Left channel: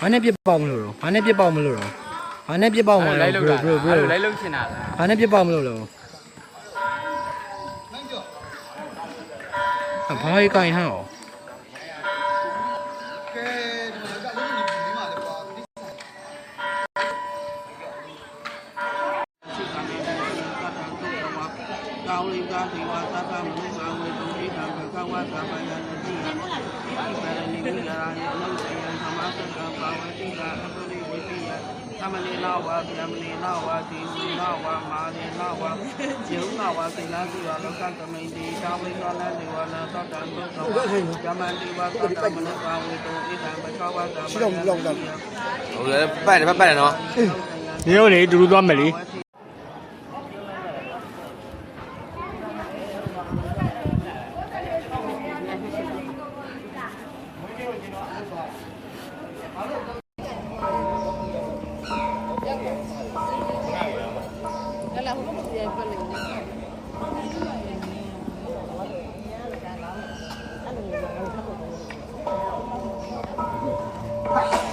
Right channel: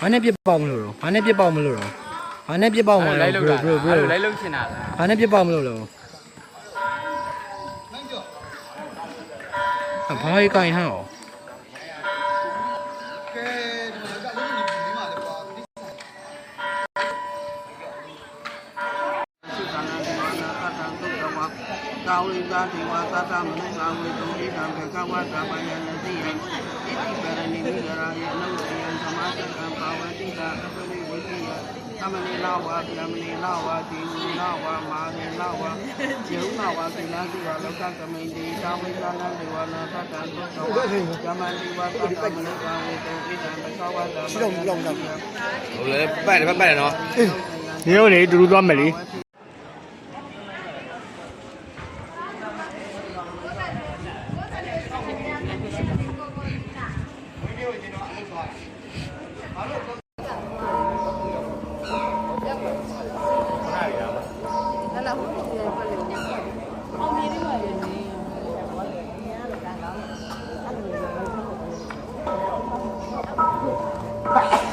ဘာနဲ့ပြစ်ပေါက်မလို့တော့ဘာနဲ့ပြစ်ပေါက်မလို့တော့ဘာနဲ့ပြစ်ပေါက်မလို့ လိုက်လို့လိုက်လို့ချင်တာလား ဘာနဲ့ပြစ်ပေါက်မလို့တော့ဘာကြီးကိုင်ဟောကာဝေကာတိဝါသတ္တမနုကာဝေတုဣဒံဘေကဝါသဗ္ဗယံတိယံပရဏိမိဂရာယနုတယံသမာသတံဘာဝတိတာအပရိဝိတိယသမဏေနာဝါဗျမဏေနာဝါတိဝိနာဝါမာရေနာဝါယေုနာဝါကိလတိဝါလောကကမိန်တိတာဝိသနံဒေဝနာသတ္တံသောကဝါယမတိဝါသတ္တမနုကာဝေတုဣဒံဘေကဝါသဗ္ဗယံတိယံဟုတ်လေပတ်တယ်နော်ညို့လေတူတူသွားမယ်လေBye.